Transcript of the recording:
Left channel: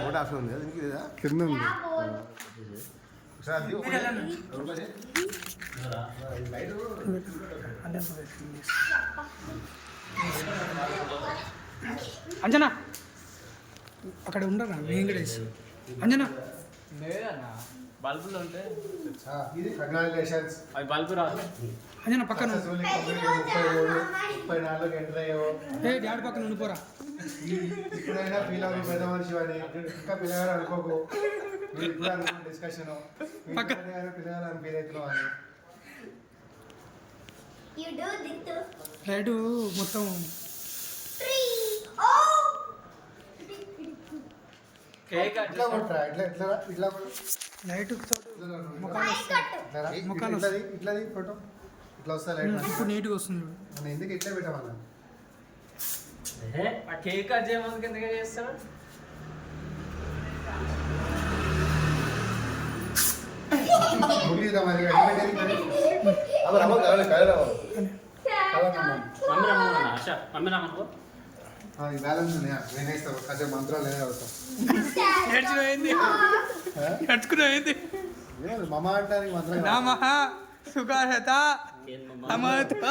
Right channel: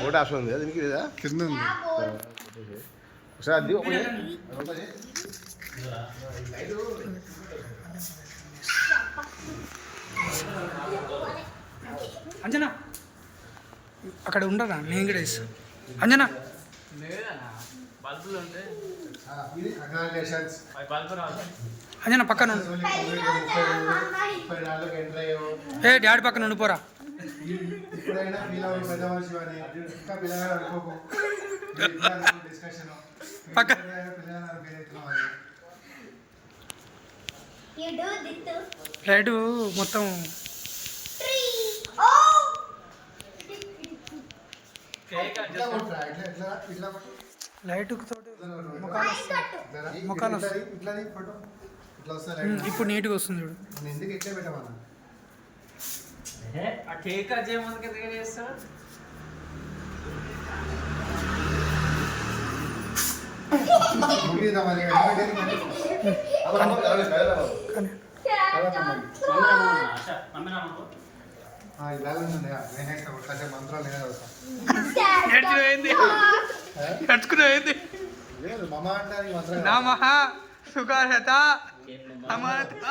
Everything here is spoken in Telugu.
ఫోటో ఆశ ఉంది దీనికి కింద ఉంది అంజనా అక్కడ ఉండరా నేను కూడా ఇస్తాను అంజనా అంజనా పక్కన ఏ డాడీ పక్కన ఉండిపోరా ఇప్పుడైనా పిల్లలు పెద్ద మనిషి అని ఇంకా పిల్లగాడు అనుకోకు డిస్కషన్ పిల్లగాడు అనుకునేస్తున్నావు అని లైట్ మొత్తం లైట్ ముఖాలు ఇప్పుడు నీట్గా వస్తుంది చూడు ఎందుకు ఇట్లా పెట్టమన్నా ఆ కేక్ కట్ చేయమందుకు ఎందుకు చేస్తాడు మంత్రాలు నడుచుకునేది మమ అంటానికి మంత్రం నమః సుగారత అమరత